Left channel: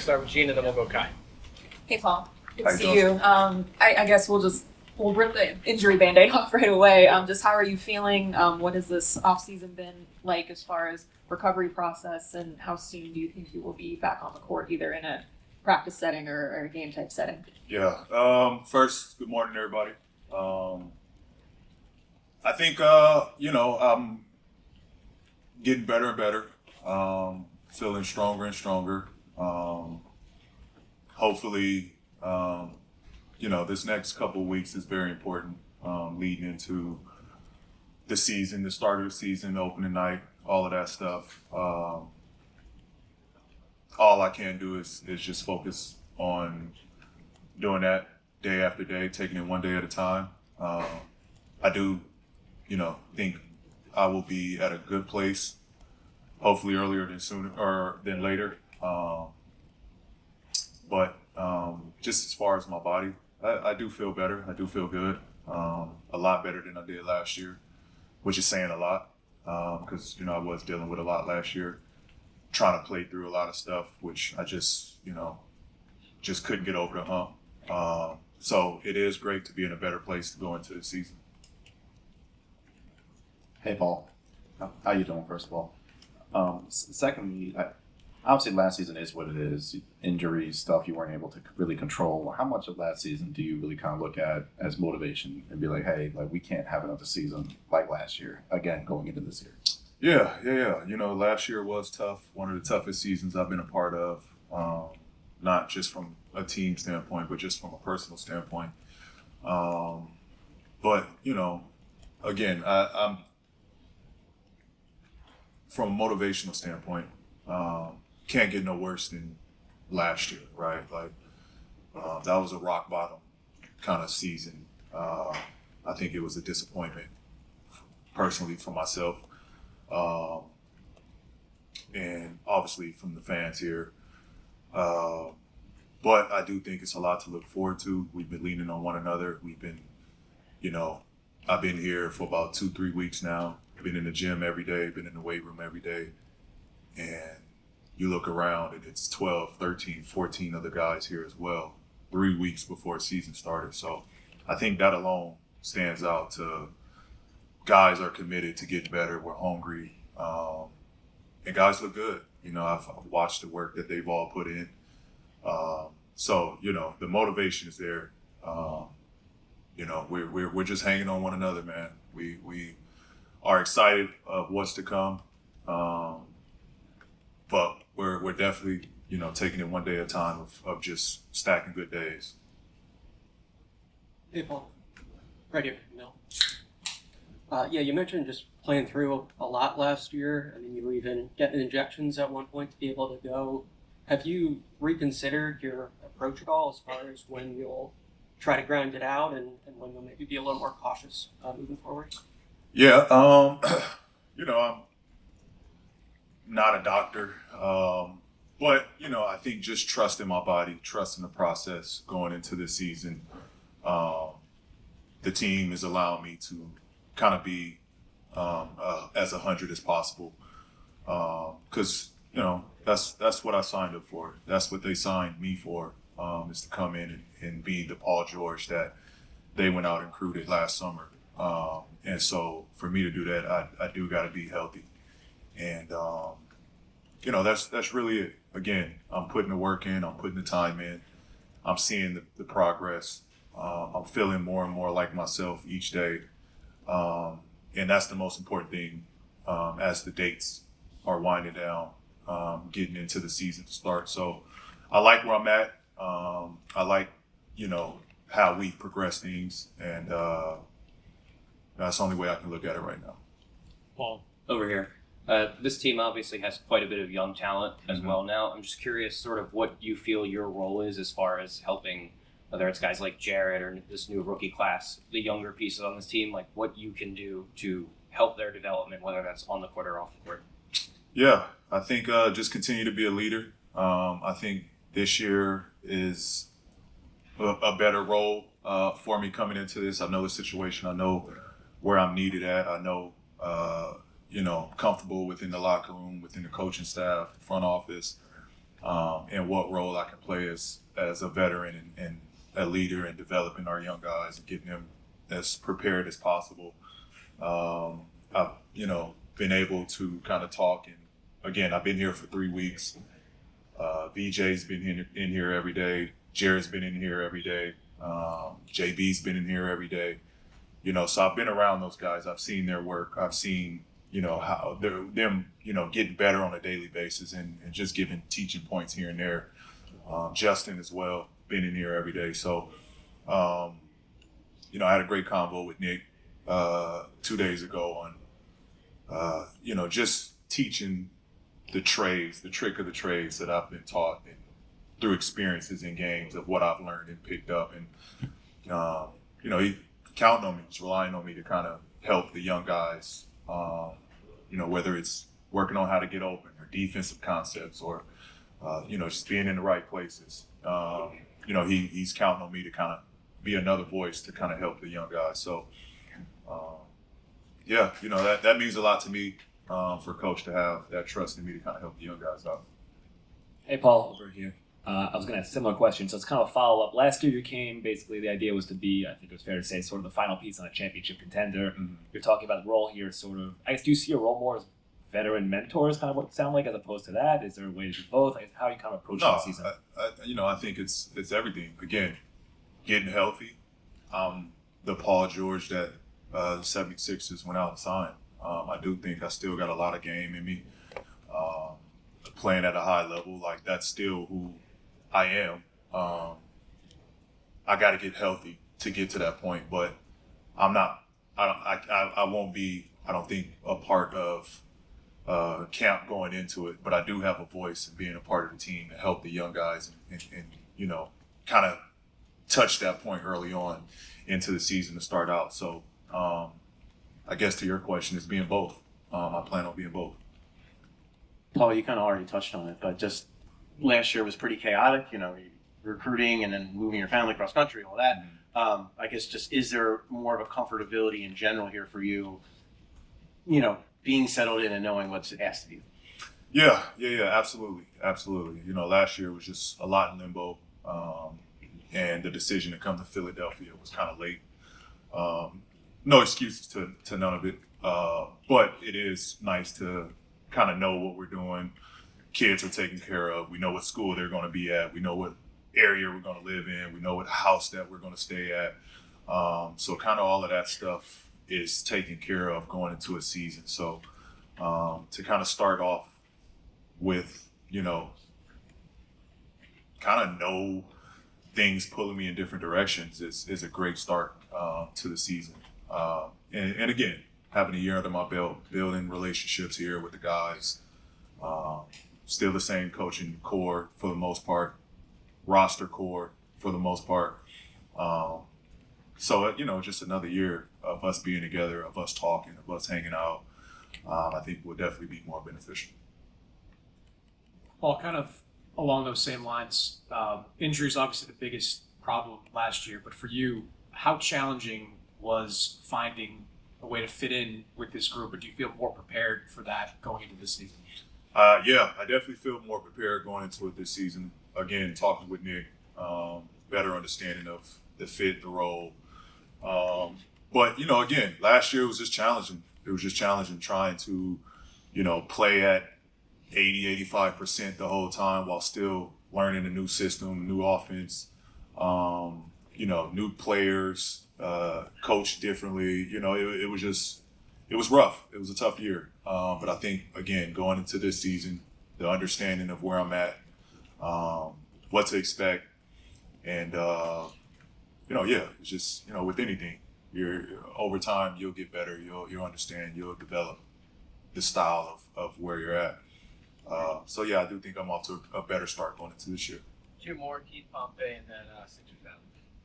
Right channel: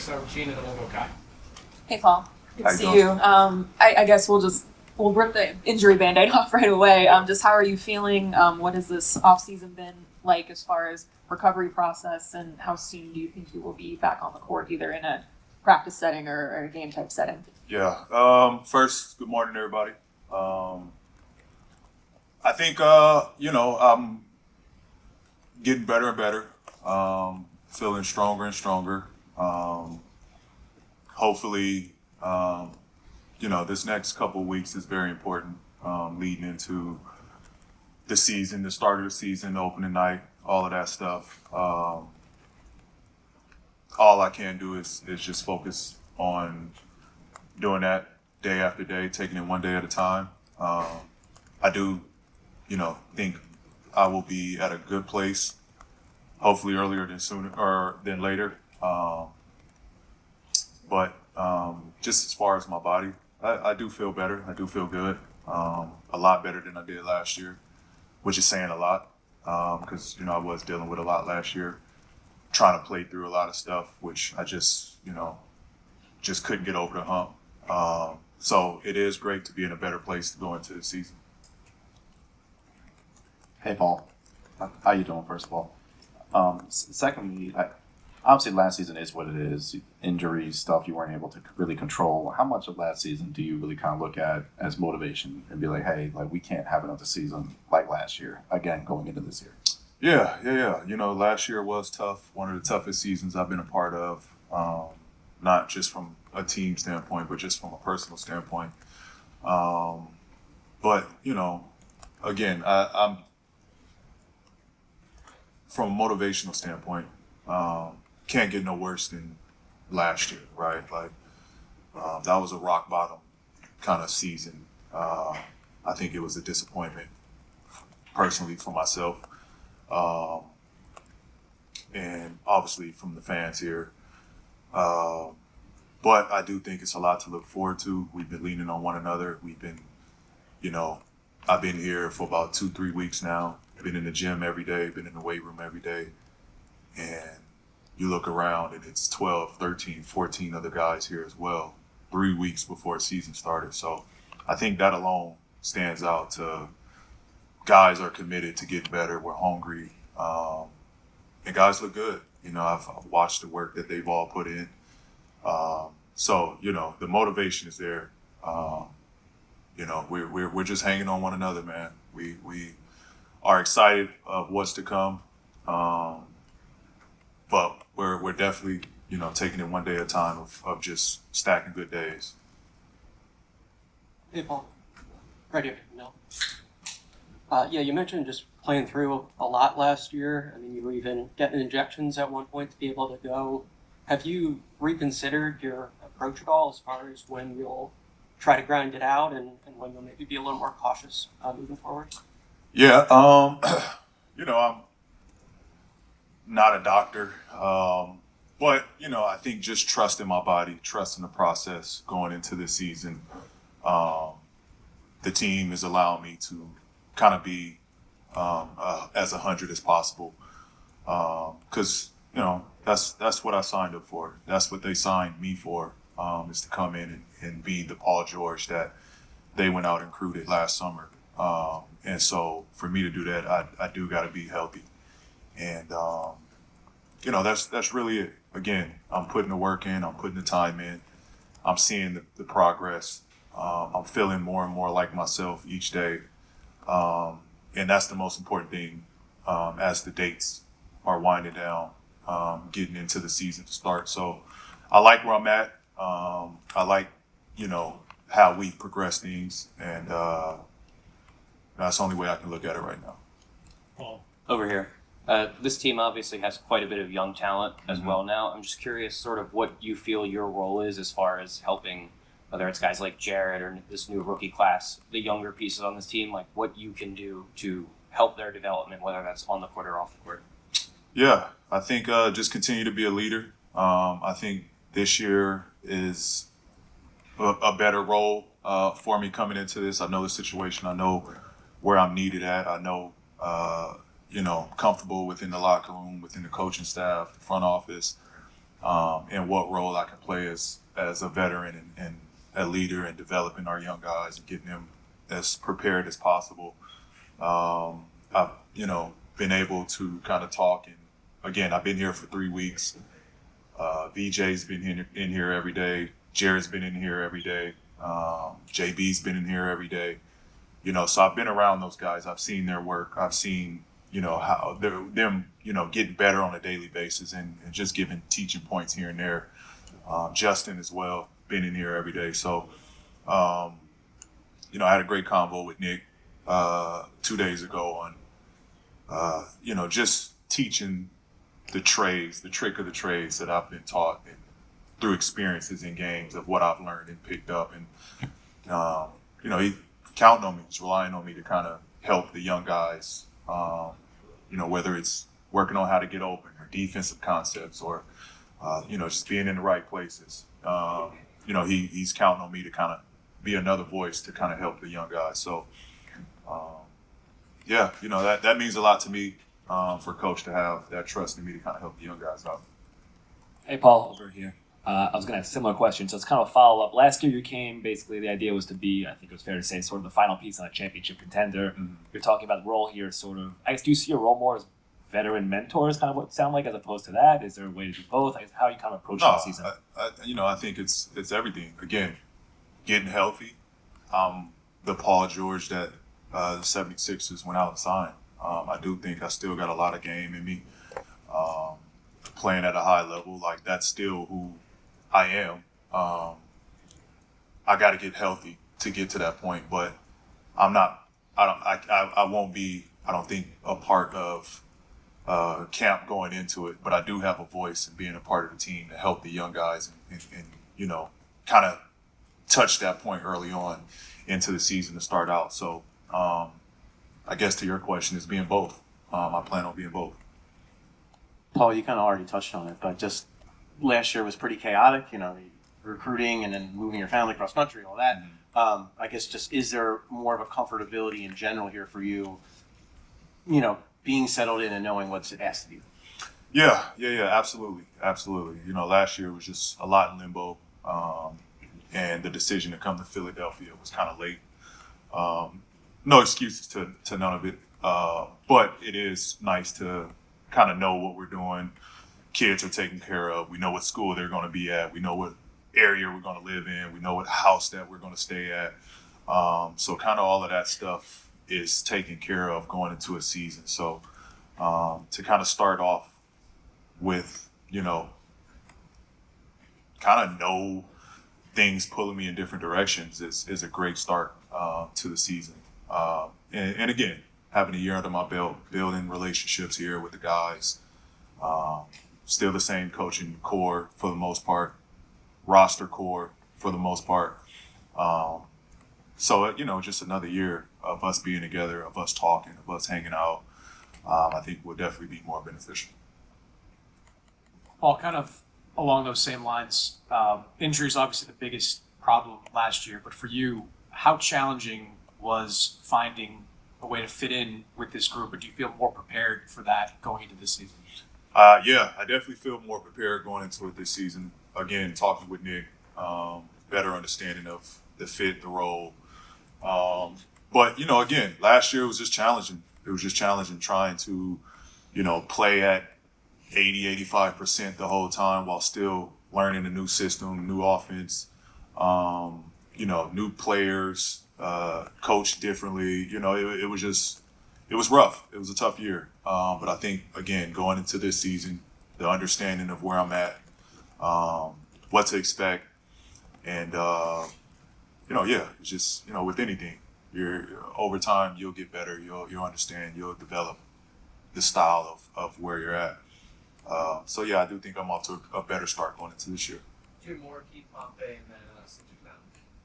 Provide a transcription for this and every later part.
to start with Gene, and then we'll go Kai. Hey, Paul. Good How to you see doing? you. I guess we'll rip the injury Band-Aid off right away. Just how are you feeling? What has this off-season been like as far as recovery process, and how soon do you think you will be back on the court, either in a practice setting or a game type setting? Yeah. First, good morning, everybody. I think I'm getting better and better. Feeling stronger and stronger. Hopefully, this next couple of weeks is very important. Leading into the season, the start of the season, opening night, all of that stuff. All I can do is just focus on doing that day after day, taking it one day at a time. I do, think I will be at a good place, hopefully earlier than later. But just as far as my body, I do feel better. I do feel good, a lot better than I did last year, which is saying a lot because I was dealing with a lot last year, trying to play through a lot of stuff, which I just couldn't get over the hump. So it is great to be in a better place to go into the season. Hey, Paul. How you doing, first of all? Secondly, obviously last season is what it is. Injuries, stuff you weren't able to really control. How much of last season do you really kind of look at as motivation and be like, hey, we can't have another season like last year, again, going into this year? Yeah. Last year was tough. One of the toughest seasons I've been a part of, not just from a team standpoint, but just from a personal standpoint. But again, I'm from a motivational standpoint, can't get no worse than last year, right? That was a rock bottom kind of season. I think it was a disappointment personally for myself. And obviously from the fans here. But I do think it's a lot to look forward to. We've been leaning on one another. We've been, I've been here for about 2-3 weeks now. Been in the gym every day, been in the weight room every day. And you look around and it's 12, 13, 14 other guys here as well, 3 weeks before the season started. So I think that alone stands out to guys are committed to getting better. We're hungry. And guys look good. I've watched the work that they've all put in. So the motivation is there. We're just hanging on one another, man. We are excited of what's to come. But we're definitely, taking it one day at a time of just stacking good days. Hey, Paul. Right here. No. You mentioned just playing through a lot last year. I mean, you were even getting injections at one point to be able to go. Have you reconsidered your approach at all as far as when you'll try to grind it out and when you'll maybe be a little more cautious moving forward? Yeah. I'm not a doctor. But, I think just trusting my body, trusting the process going into this season. The team is allowing me to kind of be as 100 as possible. Because, that's what I signed up for. That's what they signed me for, is to come in and be the Paul George that they went out and recruited last summer. And so for me to do that, I do got to be healthy. And, that's really it. Again, I'm putting the work in. I'm putting the time in. I'm seeing the progress. I'm feeling more and more like myself each day. And that's the most important thing as the dates are winding down, getting into the season to start. So I like where I'm at. I like, how we've progressed things. And that's the only way I can look at it right now. Paul. Over here. This team obviously has quite a bit of young talent as well now. I'm just curious sort of what you feel your role is as far as helping, whether it's guys like Jared or this new rookie class, the younger pieces on this team, like what you can do to help their development, whether that's on the court or off the court. Yeah, I think just continue to be a leader. I think this year is a better role for me coming into this. I know the situation. I know where I'm needed at. I know, comfortable within the locker room, within the coaching staff, the front office. and what role I can play as a veteran and a leader and developing our young guys and getting them as prepared as possible. I've, been able to kind of talk, and again, I've been here for 3 weeks. VJ's been in here every day. Jared's been in here every day. JB's been in here every day. So I've been around those guys. I've seen their work. I've seen, how them, getting better on a daily basis and just giving teaching points here and there. Justin as well, been in here every day. So, I had a great convo with Nick 2 days ago on, just teaching the trades, the trick of the trades that I've been taught and through experiences in games of what I've learned and picked up. And, he counting on me, he's relying on me to kind of help the young guys, whether it's working on how to get open or defensive concepts or, just being in the right places. He's counting on me to kind of be another voice to kind of help the young guys. So, that means a lot to me for Coach to have that trust in me to kind of help the young guys out. Hey, Paul, over here. I was going to ask a similar question, so it's kind of a follow-up. Last year you came, basically the idea was to be, I think it was fair to say, sort of the final piece on a championship contender. Mm-hmm. You're talking about the role here, sort of, I guess, do you see your role more as veteran mentors, kind of what it sound like, as opposed to that? Is there a way to do both? I guess, how are you kind of approaching the season? I think it's everything. Again, getting healthy. The Paul George that the 76ers went out and signed. I do think I still got a lot of game in me. Playing at a high level, like that's still who I am. I got to get healthy to get to that point, but I'm not. I won't be. I don't think a part of camp going into it, but I do have a voice in being a part of the team to help the young guys and kind of touch that point early on into the season to start out. So I guess to your question is being both. I plan on being both. Paul, you kind of already touched on it, but just last year was pretty chaotic, recruiting and then moving your family across country, all that. I guess just is there more of a comfortability in general here for you, being settled in and knowing what's asked of you? Yeah, absolutely. Last year was just a lot in limbo, and the decision to come to Philadelphia was kind of late. No excuses to none of it, but it is nice to kind of know what we're doing. Kids are taken care of. We know what school they're going to be at. We know what area we're going to live in. We know what house that we're going to stay at. So kind of all of that stuff is taken care of going into a season. So to kind of start off with, kind of know things pulling me in different directions is a great start to the season. And again, having a year under my belt, building relationships here with the guys, still the same coaching core for the most part, roster core for the most part. So, just another year of us being together, of us talking, of us hanging out, I think will definitely be more beneficial. Paul, kind of along those same lines, injury is obviously the biggest problem last year, but for you, how challenging was finding a way to fit in with this group, or do you feel more prepared for that going into this season? Yeah, I definitely feel more prepared going into it this season. Again, talking with Nick, better understanding of the fit, the role. But, again, last year was just challenging. It was just challenging trying to, play at 80-85% the whole time while still learning a new system, new offense, new players, coached differently. It was rough. It was a tough year. But I think, again, going into this season, the understanding of where I'm at, what to expect, and, it's just, with anything, over time, you'll get better. You'll understand. You'll develop the style of where you're at. I do think I'm off to a better start going into this year. Two more, Keith Pompey, and then Sixers Mountain.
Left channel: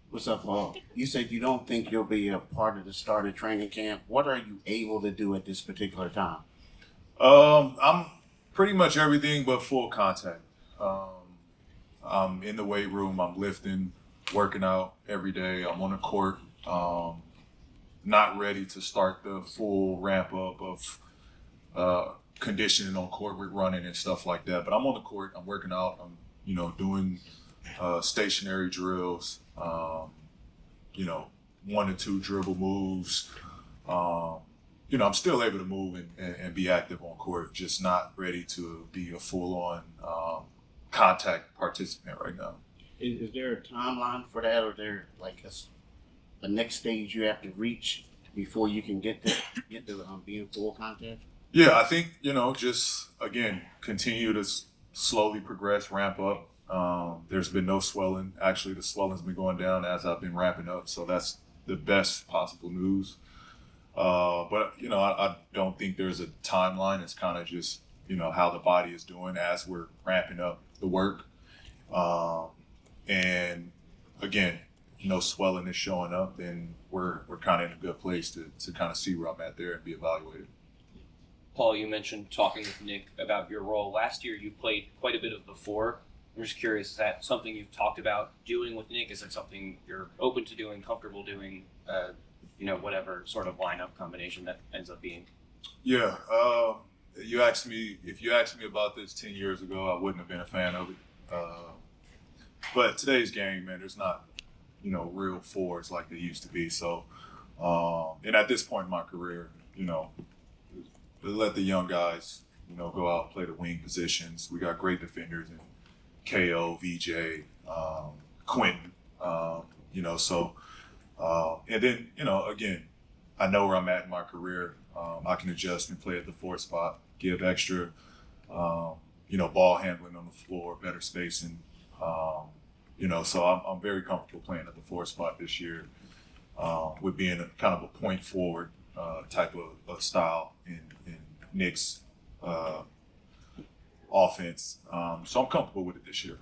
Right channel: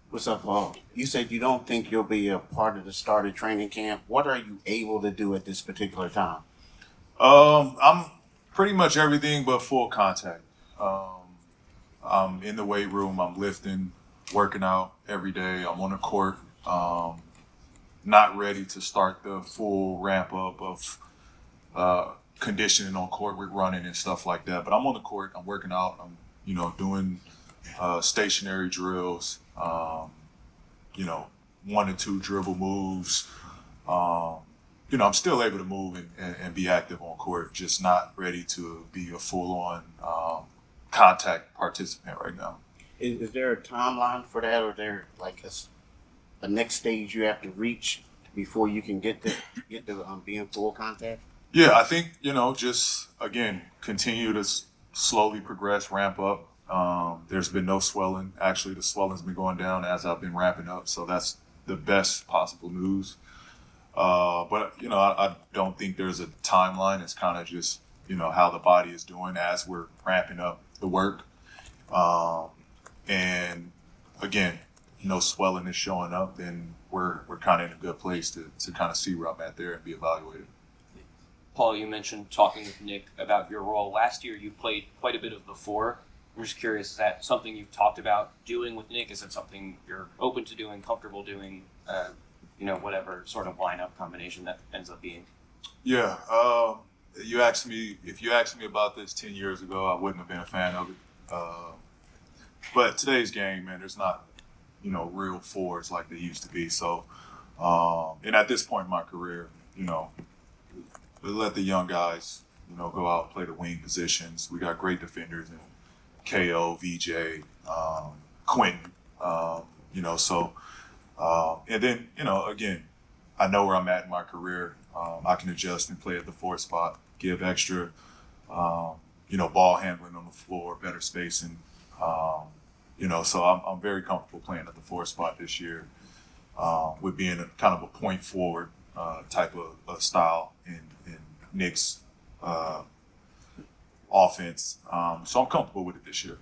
What's up, Paul? You said you don't think you'll be a part of the start of training camp. What are you able to do at this particular time? I'm pretty much everything but full contact. I'm in the weight room. I'm lifting, working out every day. I'm on the court. Not ready to start the full ramp up of conditioning on court with running and stuff like that. But I'm on the court. I'm working out. I'm doing stationary drills. 1 to 2 dribble moves. I'm still able to move and be active on court, just not ready to be a full-on contact participant right now. Is there a timeline for that, or there like a next stage you have to reach before you can get to be in full contact? Yeah, I think, just again, continue to slowly progress, ramp up. There's been no swelling. Actually, the swelling's been going down as I've been ramping up, so that's the best possible news. But I don't think there's a timeline. It's kind of just how the body is doing as we're ramping up the work. And again, no swelling is showing up, then we're kind of in a good place to kind of see where I'm at there and be evaluated. Paul, you mentioned talking with Nick about your role. Last year, you played quite a bit of the 4. I'm just curious, is that something you've talked about doing with Nick? Is it something you're open to doing, comfortable doing, whatever sort of lineup combination that ends up being? Yeah. If you asked me about this 10 years ago, I wouldn't have been a fan of it. But today's game, man, there's not, real 4s like they used to be. So, and at this point in my career, let the young guys, go out and play the wing positions. We got great defenders in KO, VJ, Quentin, and then, again, I know where I'm at in my career. I can adjust and play at the 4 spot, give extra, ball handling on the floor, better spacing. So I'm very comfortable playing at the 4 spot this year, with being a kind of a point forward type of style in Nick's offense. So I'm comfortable with it this year.